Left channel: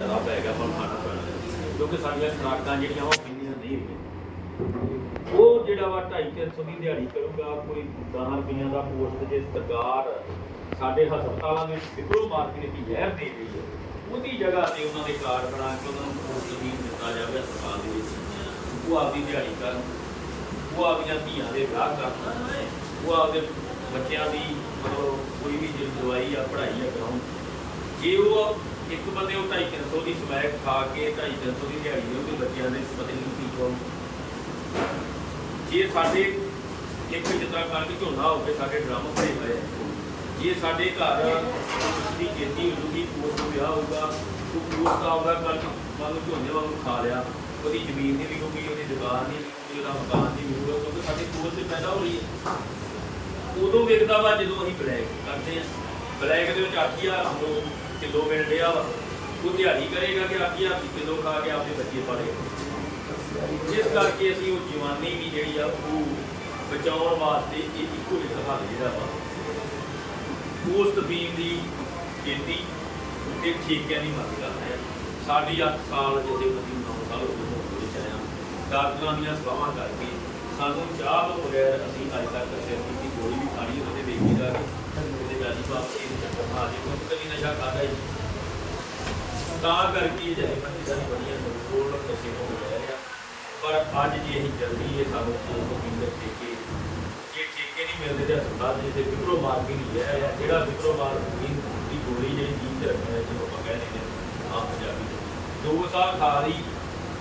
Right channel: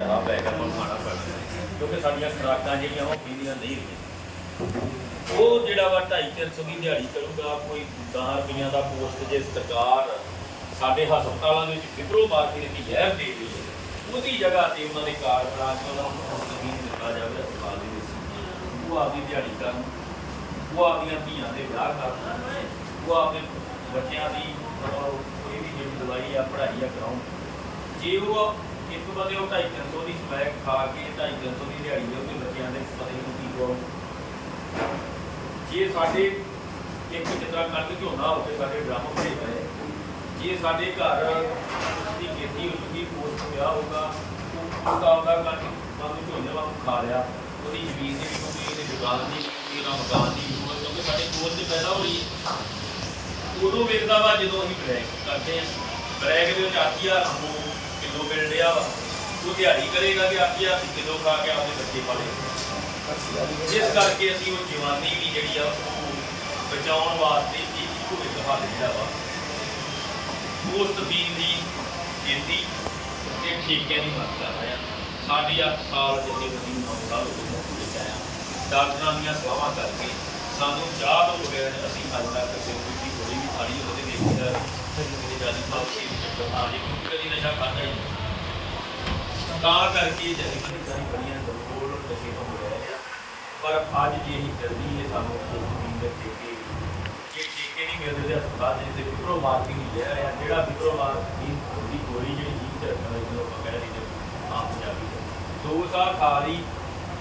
ਆ ਪੈ ਗਿਆ ਹੁਣ ਖਾਣਾ ਪੈਣਾ ਕਿਉਂਕਿ ਸਾਡੀਆਂ ਖੁਰਾਕਾਂ ਜਿਹੜੀਆਂ ਉਹ ਪੈਂਦੀਆਂ ਨਹੀਂ ਰਹੀਆਂ। ਉਹ ਜਿਹੜਾ ਵਾ 250 ਦੀ ਦਿਹਾੜੀ ਕਰੂਗਾ ਕੋਈ 10 ਰੁਪਈਆਂ ਦਾ ਪੋਸਟ ਜੇ ਸਰਕਾਰ ਸਾਡੇ ਹਸਪਤਾਲਾਂ ਦੇ ਵਿੱਚ ਫਿਬਰੋ ਮਾਰਕੀ ਦੀ ਜ਼ਹਿਰ ਦੇ ਰਹੀ ਹੈ, ਉਹਦੀ ਜਗ੍ਹਾ ਤੇ ਉਹਨਾਂ ਦੇ ਕਾਰਡ ਬਣਾ ਕੇ ਉਹਨਾਂ ਨੂੰ ਪੋਸਟ ਵੀ ਦਿੱਤਾ ਜਾਵੇ, ਹਸਪਤਾਲ ਦੇ ਵਿੱਚ। ਉਹ ਆਪਦੀ ਦਿਹਾੜੀ ਕਰਨ, ਉਹ ਆਪਦੀਆਂ ਧੀਆਂ ਦੇ ਵਿਆਹ ਕਰਨ। ਉਹ ਆਪਦੇ ਬੱਚਿਆਂ ਦੀ ਕੋਈ ਵੀ ਜਿਹੜੀ ਦਵਾਈ ਆ ਪੜ੍ਹਾਈ ਆ ਕਰਾਉਣ ਜੇ ਉਹ ਇੱਕ ਬੰਦੇ ਉਹ 250 ਦੀ ਸਮੈਕ ਖਾ ਕੇ 250 ਦੀ ਦਿਹਾੜੀ ਦੇ ਉਹਦੇ ਬੱਚਿਆਂ ਦੇ ਪਤਾ ਨਹੀਂ ਕੀ ਹੋ ਜੇ ਸਾਡੇ ਇੱਕ ਜਿੱਦਾਂ ਕਣਕ ਝੋਨਾ ਹੋ ਕੇ ਸਾਡੇ ਡਰਮ ਭਰੇ ਪਏ ਆ, ਜੇ ਸਾਡੇ ਘਰ ਉਸ ਦੀ ਖੇਤੀ ਹੋ ਜੂਗੀ ਪੋਸਟ ਵਿਆਹ ਹੋਊਗਾ ਉਹ ਪੋਸਟ ਆਉਂਦਾ ਕਣਕ ਮੰਨ ਲਓ ਝੋਨੇ ਵਾਂਗੂ ਖਾ ਲਿਆ ਉਹਦੀ ਜ਼ਮੀਨ ਨਹੀਂ ਵਿਕੂਗੀ ਇਹਦੀ ਦੁਕਾਨ ਨਹੀਂ ਵਿਕੂਗੀ ਉਹਦਾ ਮਕਾਨ ਨਹੀਂ ਵਿਕੂਗਾ ਕਿਉਂਕਿ ਸਾਡੀ ਪੋਸਟ ਤੇ ਪੈਦਾ ਹੋ ਰਹੀ ਹੈ। ਉਦੋਂ ਵਿਕਦਾ ਵਾ ਜਦੋਂ ਅਸੀਂ ਬਲੈਕ ਕਰਦੇ ਆ ਬਲੈਕ ਦੇ ਵਿੱਚ 8000 ਨੂੰ ਕਿਲੋ ਮਿਲ ਰਿਹਾ ਵਾ। ਉਹ ਦਿਹਾੜੀ ਕਰੇਗਾ ਕਿ 8000 ਕਿਲੋ ਖਾ ਕੇ ਆਪਣੇ ਬੱਚੇ ਪਾਲੇ। ਜਿਸ ਕਰਕੇ ਅਸੀਂ ਉਹ ਜਵਾਨੀ ਵੀ ਜਿਹੜੀ ਆ, ਉਹ ਬਚਾਉਣ ਵਾਸਤੇ ਇਹ ਇੱਕੋ ਇੱਕ ਹੱਲ ਜਿਹੜਾ ਵਾ। ਪੋਸਟ ਬੀਨ ਦੀ ਗਿਣਤੀ ਤੇ ਠੀਕਿਆਂ ਦੀ ਮੰਗ ਕਰਦਾ ਹੈ ਸਾਡੀ 8 ਸਾਲ ਜਿਹਦੇ ਬੰਦੀ ਨੂੰ 9 ਸਾਲ ਹੋ ਗਏ ਵਿੱਚ ਆਇਆ ਡਾਕਟਰਾਂ ਦੀਆਂ ਸਲਾਹਾਂ ਕਰਕੇ ਸਾਨੂੰ ਚਾਹ ਤੋਂ ਬਗੈਰ ਅਸੀਂ ਅੱਜ ਤੱਕ ਕਿਸੇ ਦੀ ਗੋਲੀ ਵੀ ਖਾਣੀ ਉਹਦੇ ਦੇਖੀ ਜਾ ਰਹੀ। ਉਹਦੇ ਜਾਨੀ ਬਾਪ ਦੀ ਚੱਕਰ ਮਾਰ ਜੀ ਕਿਉਂਕਿ ਕਦੀ ਨਸ਼ਾ ਕਰਦਾ ਹੀ ਨਹੀਂ। ਤਾਂ ਕਰਕੇ ਜਥੇਬੰਦੀ ਕਰੀ ਬੜੀਆਂ ਕੰਟਰੋਲ ਨਸ਼ੇ ਤੋਂ ਮਿਲ ਰਿਹਾ ਪਰ ਅੱਜ ਜੇ ਅਸੀਂ ਜਲਦੀ ਇਹ ਸਾਨੂੰ ਕੋਈ ਕੀਮਤ ਦੇ ਕੇ ਜੇ ਟੀਕੇ ਨਹੀਂ ਮਿਲਦੇ ਤੇ ਹਸਪਤਾਲ ਦੇ ਜਿੱਥੇ ਫਿਬਰੋ ਮਾਰ ਕੇ ਨਹੀਂ ਜਾ ਰਿਹਾ ਜਿਹੜਾ ਫਿਬਰੋ ਮਾਰ ਦੀ ਦੀ ਗੋਲੀ ਜਿਹੜੀ ਜੀਨ ਤੇ ਰੱਖਣਾ ਜਿਹਨੂੰ ਆਪਾਂ ਕਹਿ ਦਿੰਦੇ ਹਾਂ ਆਮ ਪੰਜਾਬੀ ਦੇ ਦੋ ਸਾਲ ਖਾ ਲਈ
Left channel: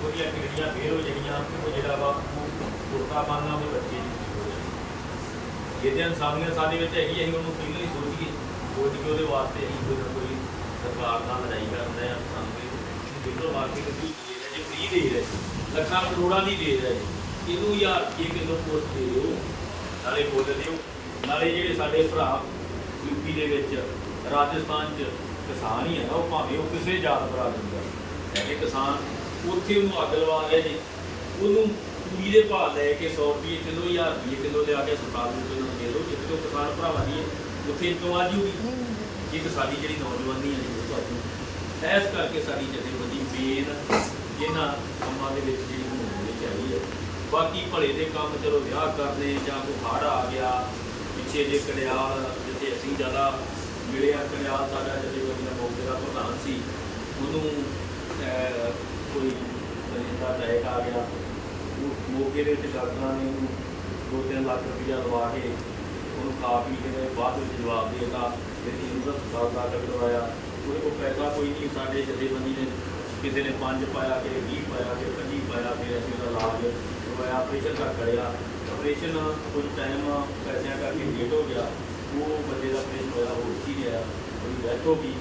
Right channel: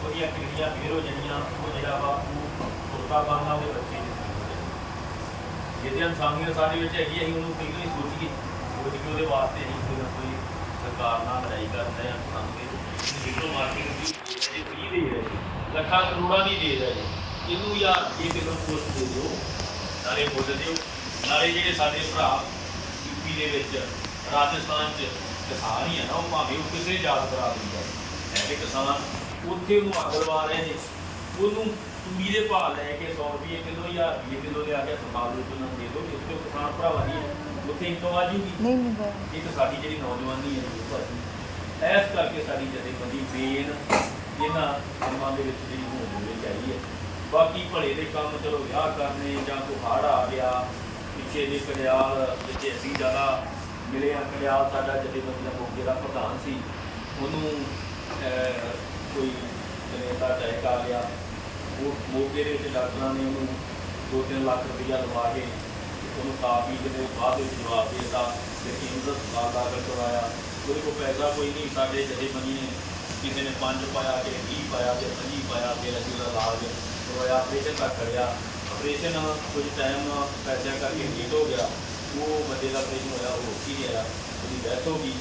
ਉਹਦੀਆਂ ਕਿਡਨੀਆਂ ਫੇਲ ਹੋ ਜਾਣੀਆਂ ਉਹ ਜਿਹੜਾ ਵਾ ਕੁਰਤਾ ਬੰਨਣਾ ਉਹ ਰੱਖੇ ਜਿਹਦੇ ਇਨਸਾਨੀਅਤ ਸਾਡੇ ਵਿੱਚ ਹੈਗੀ ਅਸੀਂ ਉਹਨੂੰ ਸਹੀ ਨਹੀਂ ਸੋਚੀਏ। ਸੋਚ ਕੇ ਉਹਦੇ ਵਾਸਤੇ ਅਸੀਂ ਕੋਈ ਨਾ ਕੋਈ ਸਰਕਾਰ ਨਾਲ ਲੜਾਈ ਕਰਦੇ ਹਾਂ ਸਾਨੂੰ ਕਿ ਫਿਬਰੋ ਦੀ ਜੇ ਫ੍ਰੀ ਦੇ ਰਹੇ ਲੱਖਾਂ ਕਰੋੜਾਂ ਦੀ ਦੇ ਹੈ। ਇਹਨੂੰ ਯਾਰ ਇਹ ਕਿਲੋ ਪੋਸਟ ਦੇ ਦਿਓ, ਨਾਲੇ ਬੋਲ ਦਿਓ। ਨਾਲੇ ਜਿਹੜੇ ਸਾਡੇ ਭਰਾ ਯੂਪੀ ਦੇ ਵਿੱਚ, ਰਾਜਸਥਾਨ 'ਚ ਕਿਸਾਨ ਹੀ ਹੈ ਨਾ, ਉਹ ਭਾਵੇਂ ਉਹ ਕਿਸੇ ਜਾਤ ਭਰਾ ਦੇ ਹੋਣ। ਲੈ ਕਿਸਾਨ, ਉੱਥੇ ਉਹਨੂੰ ਅੱਗ ਲਵਾ ਰਹੇ ਨੇ। ਉਹਨੂੰ ਤੂੜੀ ਦੇ ਭਾਅ ਲੈ ਕੇ 100 ਰੁਪਏ ਕਿਲੋ 1000 ਰੁਪਏ ਕਿਲੋ ਦੇ ਆ ਕੇ ਹਸਪਤਾਲ ਵਿੱਚ ਉਹਨੂੰ ਦੇ ਦਿਓ ਜਿੱਥੇ ਉਹ ਕਿਸਾਨ ਭਰਾਵਾਂ ਦੀ ਹੈ ਉੱਥੇ ਇਨਕਮ ਆ ਜੂਗੀ ਨਹੀਂ ਨਹੀਂ ਇੱਕ ਸਾਡੀ ਜਿਹੜੀ ਨੌਜਵਾਨੀ ਹੈ ਜਿਹੜੀ ਉਹ ਭਾਜੀ ਇਸ ਕਰਕੇ ਸਾਡੀ ਜਥੇਬੰਦੀ ਮੇਨ ਇਹਨਾਂ ਕੰਮਾਂ ਦੇ ਵਿੱਚ ਜਿਹੜੀ ਹੋਣੀ ਚਾਹੀਦੀ ਹੈ। ਬਾਕੀ ਭਲੇ ਦੇ ਕੰਮ ਚਲੋ ਵਿਆਹ ਕਰਨੇ ਜਾਂ ਕੋਈ ਹੜ੍ਹ ਆ ਗਿਆ ਪਿੱਛੇ ਜੇ ਕੜਿਆਲ ਜਿੱਥੇ ਅਸੀਂ ਜ਼ਿਆਦਾ ਮਿਲੇ ਆ ਕੜਿਆਲ ਸਾਡਾ ਜਥੇਬੰਦੀ ਦਾ ਮੌਕੇ ਦਾ ਪ੍ਰਧਾਨ ਸੀ ਉਹਨੂੰ ਅਹ, ਕੋਈ ਜਨੇਤਾ ਅਟੈਕ ਆ ਗਿਆ। ਉਹ ਮੌਕੇ ਦੇ ਵਿੱਚ ਡਾਕਟਰਾਂ ਨੇ ਉਹਨੂੰ ਦੋ ਤਿੰਨ ਲੱਖ ਰੁਪਈਆ ਲਵਾ ਕੇ ਉਹਨੂੰ ਖਾ ਪੀ ਕੇ ਨੇ ਬਾਅਦ ਵਿੱਚ ਜਵਾਬ ਦੇ ਦਿੱਤਾ ਕਿ ਦਾ ਹਸਪਤਾਲ ਦਾਖਲ ਕਰਵਾਇਆ। ਉਹਦੇ ਕੋਲ ਪੈਸਾ ਕੋਈ ਨਹੀਂ, ਸਾਡੇ ਜਥੇਬੰਦੀ ਨੇ ਕਿਸੇ ਨੇ 5 ਪਾਇਆ, ਕਿਸੇ 20 ਪਾਇਆ, ਕਿਸੇ 25 ਪਾਇਆ, ਫਿਰ ਅਸੀਂ ਉਹਦਾ ਇਲਾਜ ਕਰਵਾਇਆ, ਆਪਰੇਸ਼ਨ ਤੱਕ ਕਰਿਆ। ਆਪਰੇਸ਼ਨ ਕੁਝ ਟਾਈਮ ਪੈਸਿਆਂ ਕਰਕੇ ਲੇਟ ਹੋ ਗਿਆ। ਉਹ ਬੰਦੇ ਦਾ ਆਪਰੇਸ਼ਨ ਹੋਇਆ, ਉਹ ਰੁਕ ਗਿਆ, ਉਹਦੀ ਡੈਥ ਹੋ ਗਈ।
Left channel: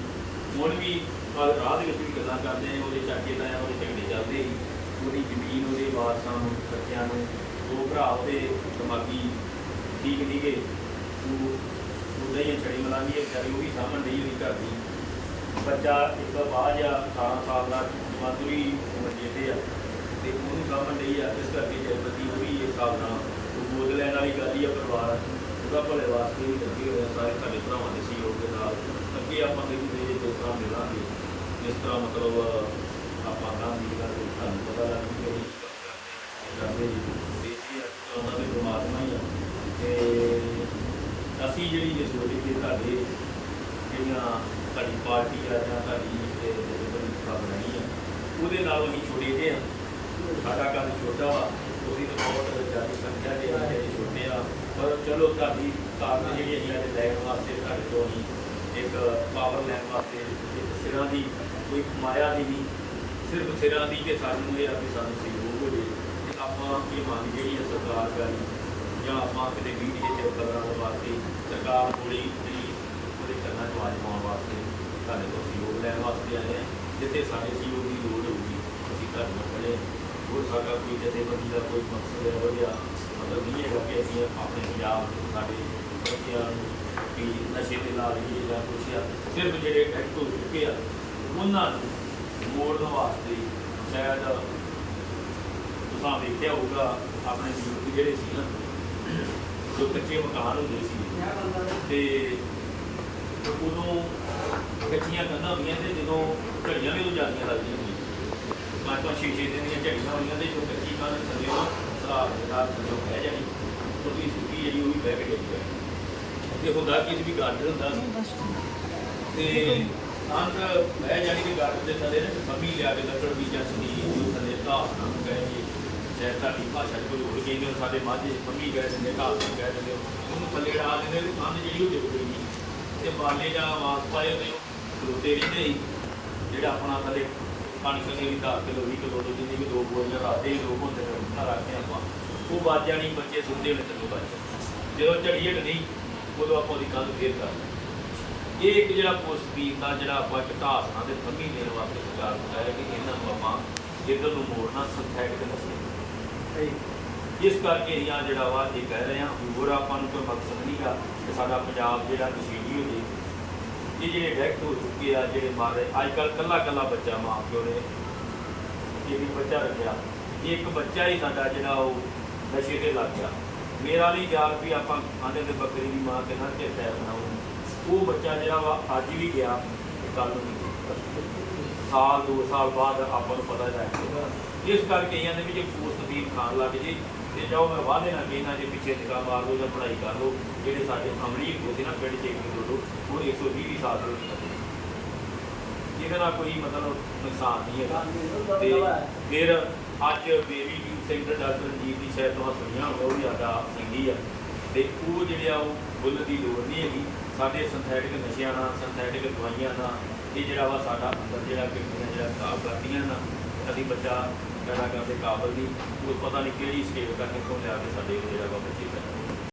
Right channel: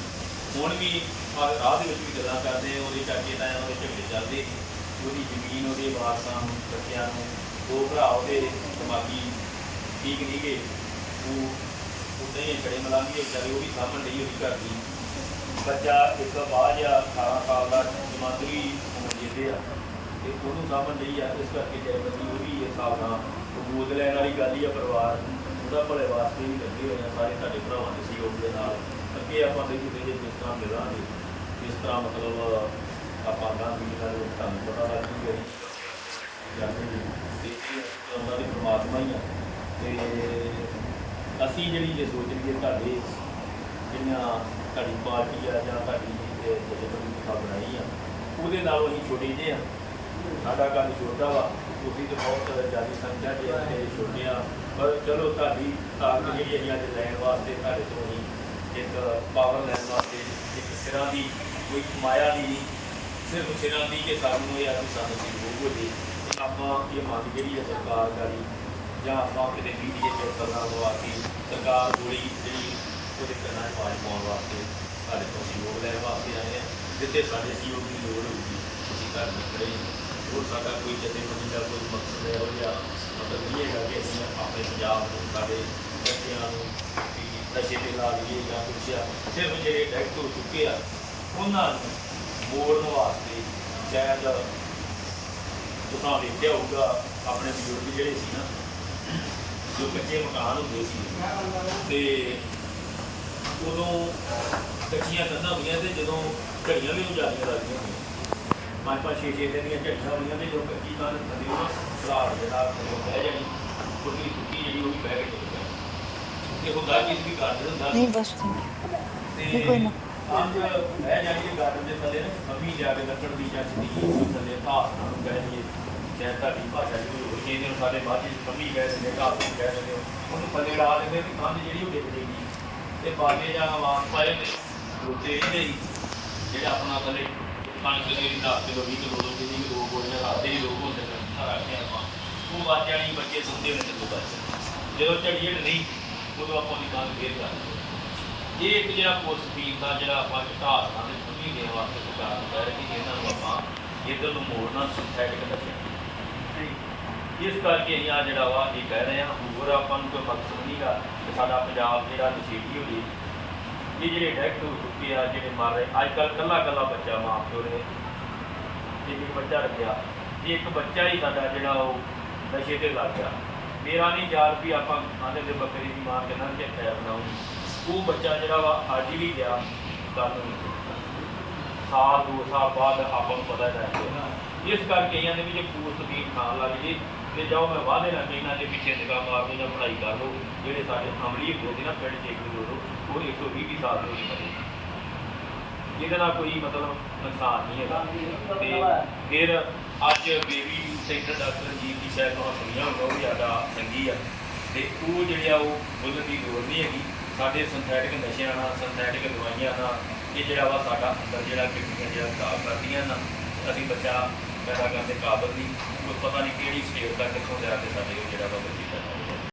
ਹੁਣ ਵੀ ਰਾਹ ਦੇ ਵਿੱਚ ਵੀ ਗੱਲਾਂ ਕਰਦੇ ਆ, ਉਹਦੇ ਚਾਚੇ ਤਾਇਆਂ ਉਹਦੇ ਝਗੜੇ ਚੱਲਦੇ ਸੀ ਉਹਦੀ ਜ਼ਮੀਨ, ਉਹਦੇ ਵਾਰਸਾਂ ਨੂੰ, ਬੱਚਿਆਂ ਨੂੰ, ਦੋ ਭਰਾ ਉਹਦੇ ਦਿਮਾਗੀ ਠੀਕ ਨਹੀਂ ਗਏ ਉਹ ਉਦਾਂ ਹੀ ਛੜੇ ਮਲਾਂਗੀ, ਵਿਚਾਰੇ ਉਹ ਵੀ ਸਾਹਮਣ ਰਹੀ ਹੋਈ ਘਰ ਦੀ। ਬੱਚਾ ਇੱਕ ਬਾਅਦ ਆ 18 ਸਾਲ ਦਾ ਜਮਾਤਰੀ ਉਮਰ ਜਿਹਦੇ ਆ, ਤੇ ਉਹਨੂੰ ਸਾਹਮਣ ਰਹੀ ਆ, ਇਸ ਕਰਕੇ ਜੈਬਤੀ ਉਹ ਵੀ ਇਹ ਹਿਸਾਬ ਨਾਲ ਗੋਦ ਲੈਣ ਵਾਲੀ ਗੱਲ ਹੀ ਆ ਪਰਿਵਾਰ ਉਹਦਾ ਭਲੇ ਵਾਸਤੇ ਵੀ ਲੱਗੇ ਹੋਏ ਸਾਰੇ ਸਾਡੇ ਭਰਾਵਾਂ ਦੇ ਸਹਿਯੋਗ ਦੇ ਨਾਲ। ਅੱਗੇ ਆਪਾਂ ਦੇ ਜਿਹੜੇ ਜਿਸ ਤਰ੍ਹਾਂ ਮਿਲਾਂਗੇ ਇਸ ਤਰ੍ਹਾਂ ਮਤਲਬ ਆਪਾਂ ਗਾਂਧੀ ਦਾ ਜੋ ਤੁਹਾਨੂੰ ਪਤਾ ਲੱਗ ਜੂਗਾ ਜੀ ਕਰਦੇ ਜੀ ਤੇ ਇਹ ਉਹਨਾਂ ਦੇ ਪ੍ਰਮਾਤਮਾ ਹੀ ਆ। ਤੇ ਅਸੀਂ ਜਿਹੜੀ ਜੇ ਸੋਚੀਏ ਤੁਹਾਡੇ ਜਿਹੜੀਆਂ ਤੁਹਾਡੀ ਪਾਰਟੀ ਆ ਜਾਂ ਤੁਹਾਡੀ ਜਿਹੜੀ ਸਭਾ ਬਣਾਈ ਆ, ਉਹਦੇ ਨਾਲ ਅਸੀਂ ਛੋਟੇ ਜਿਹੇ ਆ। ਸਾਡਾ ਕੰਮ ਛੋਟਾ ਵਾ, ਤੁਸੀਂ ਤਾਂ ਬਹੁਤ ਜ਼ਿਆਦਾ ਸੰਖਿਆ ਦੇ ਵਿੱਚ ਛੋਟੇ ਆ। ਪਰ ਚਲੋ ਤੁਹਾਡੀ ਤਾਕਤ ਜਿਹੜੀ ਅਸੀਂ ਅੱਜ ਲੈਣ ਵਾਸਤੇ ਤੁਹਾਡੇ ਤੋਂ ਹੀ ਇੱਕ ਪਾਵਰ ਲੈਣ ਵਾਸਤੇ ਇੱਕ ਸਿਰਾਂ ਦੀ, ਕੋਈ ਮਾਇਆ ਦੀ ਨਹੀਂ ਸਿਰਫ ਸਿਰਾਂ ਦੀ ਕਿ ਸਾਨੂੰ ਇਹ ਆ ਵੀ ਸਾਨੂੰ ਸਹਿਯੋਗ ਹੋ ਜੇ। ਆਪਾਂ ਇਹ ਮੰਗ ਜਿਹੜੀ ਹੈ ਸਰਕਾਰ ਕਰੀ ਜਾਂ ਆਪਾਂ ਕਿਤੇ ਮੀਡੀਆ ਚ ਕਰਨਾ ਲਵਾ ਕੇ, ਸਰਕਾਰ ਕੋਲੀ ਜਿਹੜੀ ਉਹਦੇ ਕੰਨਾਂ 'ਚ ਆਵਾਜ਼ ਪਾਉਣ ਵਾਸਤੇ ਸਾਡੇ ਤੋਂ ਸਹਿਯੋਗ ਲੈਣ ਵਾਸਤੇ ਆਏ ਹਾਂ। ਜਿੱਥੇ ਸਾਡੇ ਸਹਿਯੋਗ ਦੀ ਲੋੜ ਹੋਊਗੀ, ਅਸੀਂ ਤੁਹਾਡੇ ਨਾਲ ਖੜੇ ਹਾਂ। ਹੋਰ ਸਾਡਾ ਕੋਈ ਜਥੇਬੰਦੀ ਦਾ ਕੋਈ ਮਕਸਦ ਹੈ ਉਹ ਜਾਂ ਮਤਲਬ ਨਹੀਂ ਹੈਗਾ ਕਿ ਅਸੀਂ ਆਪਣੇ ਪੰਜਾਬ ਦੇ ਸਾਡੇ ਬੱਚਿਆਂ ਨੂੰ ਨਸ਼ੇ ਦੇ ਲਾ ਲਈਏ ਜਾਂ ਕੁਛ ਆ। ਸਿਰਫ ਜਿਹੜੇ ਡੈਕਟ ਹੋ ਚੁੱਕੇ ਆ, ਉਹਨਾਂ ਨੂੰ ਮੋੜਨ ਵਾਸਤੇ ਸ਼ਾਇਦ ਤੁਸੀਂ ਵੇਖਿਆ ਹੋਊਗਾ ਆਪਣੇ ਬਜ਼ੁਰਗ ਜਿਹੜੇ ਸੀ ਨਾ ਜੋ ਕੱਚੇ ਮਕਾਨ ਹੁੰਦੇ ਸੀ। ਤੇ ਉਦੋਂ ਕੱਚੀਆਂ ਕੰਧਾਂ ਹੁੰਦੀਆਂ ਤੇ ਜਦੋਂ ਘੜੀਆਂ ਵੀ ਰੁਝਾਨੀਆਂ ਲੱਗਦੀਆਂ ਹੁੰਦੀਆਂ। ਪੰਜ ਪੰਜ ਛੇ ਛੇ ਦਿਨ ਦੀਆਂ ਝੜੀਆਂ ਹੁੰਦੀਆਂ ਤੇ ਜਦੋਂ ਕੱਚੀ ਕਾਂ ਥੱਲੇ ਉਹ ਸਲਾਰ ਜਿਹੜਾ ਥੱਲੇ ਬਹਿ ਜਾਣੀ ਥੋੜੀ ਸੁੱਕੀ ਜਿਹੜੀ ਉਹ ਵੀ ਬਹਿ ਕੇ ਜਾਊਗਾ ਤੇ ਹੁੰਦਾ ਕਿ ਇਸ ਵੀ ਗਾਰਡਨ ਹੁੰਦਾ। ਨਹੀਂ ਬਸ ਤੇ ਨਹੀਂ ਕੋਈ ਨਾ। ਬਹਿ ਜਾਣੀ ਕਿ ਗਾਰਡਨ ਦੇ ਥੱਲੇ ਨਾ ਕਮੀ ਲਿਆ ਕੇ ਲੱਕੜ ਦੀ ਜਾਂ ਚੀਨੀ ਥੱਲੇ ਘਾਸ ਨੂੰ ਕਹਿ ਦਈਏ ਜਾਂ ਦੀ ਭਾਸ਼ਾ 'ਚ ਕੋਈ ਹੋਰ ਕਹਿੰਦੇ ਸਾਡੇ ਮਾਝੇ 'ਚ ਕਮੀ ਕਹਿ ਦਿੰਦੇ ਘਾਸ ਨੂੰ ਕਹਿ ਦਿੰਦੇ ਹੋ। ਉਹਨੂੰ ਪੱਲੇ ਡਾ ਦਿੰਦੇ ਤੇ ਕੰਧ ਜਿਹੜੀ ਉਹ ਡਿੱਗ ਜਾਏਗੀ ਤੇ ਬਾਲੇ ਜਾਂ ਆਵਾਜ਼ ਪਾਏ ਨੇ ਰੋਤੇ ਰਹਿੰਦੇ ਹੀ ਜਿਹੜਾ ਆਪਣਾ ਥੱਲੇ ਕਣਕ ਦੇ 10 ਕਿਲੋ 20 ਕਿਲੋ ਦੋ ਜਿੰਨੀ ਵੀ ਦੋ ਬੋਰੀਆਂ ਹੱਥਦੇ ਹੀ ਲੋਕ ਹੁੰਦੇ ਨੇ ਸਾਰਾ ਰੱਖਦੇ ਆਪਾਂ। ਉਹ ਬਾਜਿਆਂ ਨਹੀਂ, ਬੱਚੇ ਸੁੱਤੇ ਹੋਣੇ ਤੇ ਬਸ। ਜਦੋਂ ਝੜੀਏ ਨਹੀਂ, ਉਦੋਂ ਆਪਾਂ ਉਹਦੀ ਕੰਧ ਫੇਰ ਕਰ ਇਹ ਇੱਕ ਜਿਹੜਾ ਪੋਸਟਪੀਨ ਦਾ ਜਿਹੜਾ ਆਪਾਂ ਘਟਾਸਣਾ ਦੇ ਥੰਮੀ ਦੇਣ ਵਾਸਤੇ ਸਰਕਾਰ ਨੂੰ ਕਹਿ ਰਹੀ ਕਿ ਇਹਨਾਂ ਨੂੰ ਆਪਾਂ ਇੱਧਰ ਨੂੰ ਮੋੜਨਾ ਸਿੰਥੈਟਿਕ ਨਸ਼ੇ ਸਹੀ। ਇਸ ਕਰਕੇ ਅਸੀਂ ਆ ਜਿਹੜਾ ਵਾ ਇਹ ਕਹਿ ਰਹੇ ਹਾਂ ਹੋਰ ਆਪਾਂ ਨੂੰ ਕੋਈ ਮਕਸਦ ਨਹੀਂਗਾ ਕਿ ਸਾਡਾ ਪੰਜਾਬ ਜਿਹੜਾ ਨਸ਼ੀਲੀ ਹੋ ਜੇ ਇਹ ਜਿਹੜੇ ਡੈਕਟ ਹੋ ਚੁੱਕੇ ਆ ਜਿਹੜੇ ਮਰ ਰਹੇ ਅੱਜ ਕੱਲ੍ਹ ਕੱਲਾ ਕੱਲਾ ਬੱਚਾ ਮਾਂ ਪਿਓ ਨੇ ਜੇ ਵੀ ਬੱਚਾ ਰੱਖਿਆ ਇਹ ਇੱਕ ਬੱਚਾ ਹੀ ਸਾਡਾ ਜਿਹੜਾ ਉਹ ਨਸ਼ੇ ਤੇ ਲੱਗ ਗਿਆ। ਮੇਰਾ ਨਹੀਂ ਯਾਦ ਵੀ ਆਪਾਂ ਆਂਦੇ ਦੇ ਬੱਕਰੀ ਦੀ ਮਾਂ ਕਿੰਨਾ ਚਿਰ ਹੈ ਬਣਾਉਣੀ ਉਹ ਬੱਚਾ ਜਿਹੜਾ ਵਾ, ਅੱਜ ਵੀ ਗਿਆ। ਕੱਲ ਨੂੰ। ਸਾਲ, ਦੋ ਸਾਲ ਬਾਅਦ ਆਪਾਂ ਨੂੰ ਪਤਾ ਲੱਗ ਇਸ ਕਰਕੇ ਇਹਨਾਂ ਦੇ ਵਿੱਚ ਪੋਸਟ ਦੀ ਖਾਣ ਲੱਗ ਜੇ। ਤੇ ਜਾਓ, ਮੈਂ ਵਾਅਦੇ ਨਾਲ ਇਹਨਾਂ ਦੇ ਪਿੱਛੇ ਨਿਗਾਹ ਮਾਰ ਲਓ ਜਾਂ ਪੜ੍ਹਾਈ ਕਰ ਲਓ, ਜਿਹੜੇ ਸਾਡੇ ਅਮਲੀ ਹੁੰਦੇ ਸੀ ਨਾ, ਪਿੰਡ 'ਚ ਇੱਕ ਦੋ ਲੋਕ, ਉਹ 120 ਦੀ ਸਾਲ ਤੋਂ ਉੱਪਰ ਇਹਦੇ ਨਾਲ ਕੋਈ ਮਤਲਬ ਨੁਕਸਾਨ ਨਹੀਂ ਹੈਗਾ। ਤੇ ਫਿਰ ਅੱਜ ਬੇਬੀ ਸੈਂਟਰ ਡਾਕਟਰ ਜੀ ਦੀ ਸ਼ਾਇਦ ਤੁਹਾਨੂੰ ਸੁਣਿਆ ਹੋਊਗਾ, ਉਹ ਵੀ ਸਾਡਾ ਸੰਗੀ ਆ। ਤੇ ਉਹ ਜਿਹੜੇ ਆ, ਉਹ ਬੁੱਲਣ ਦੀ ਲੋੜ ਨਹੀਂ ਹੈਗੀ। ਸਾਡੇ ਸਿੰਥੈਟਿਕ ਨਸ਼ਿਆਂ ਨਾਲ ਸਿੰਥੈਟਿਕ ਦਵਾਈਆਂ ਨਾਲ, ਇਹ ਜਿਹੜਾ ਵਾ ਸਾਡਾ ਅੰਦਰ ਜਿਹੜਾ ਕਿਡਨੀਆਂ, ਜਿਹੜਾ ਖਰਾਬ ਕਰਦੀਆਂ ਨਾ, ਅਸੀਂ ਬੱਚਾ ਪੈਦਾ ਕਰਦੇ ਕਾਬਲ ਨਹੀਂ। ਕੋਈ ਪਤਾ ਨਹੀਂ ਕਿਹੜੀ ਸਟੇਟ ਦਾ ਕਿੱਥੋਂ ਲਿਆ ਕੇ ਸਾਡੇ ਜਿਹੜਾ ਵਾ ਬੱਚੇ ਦਾ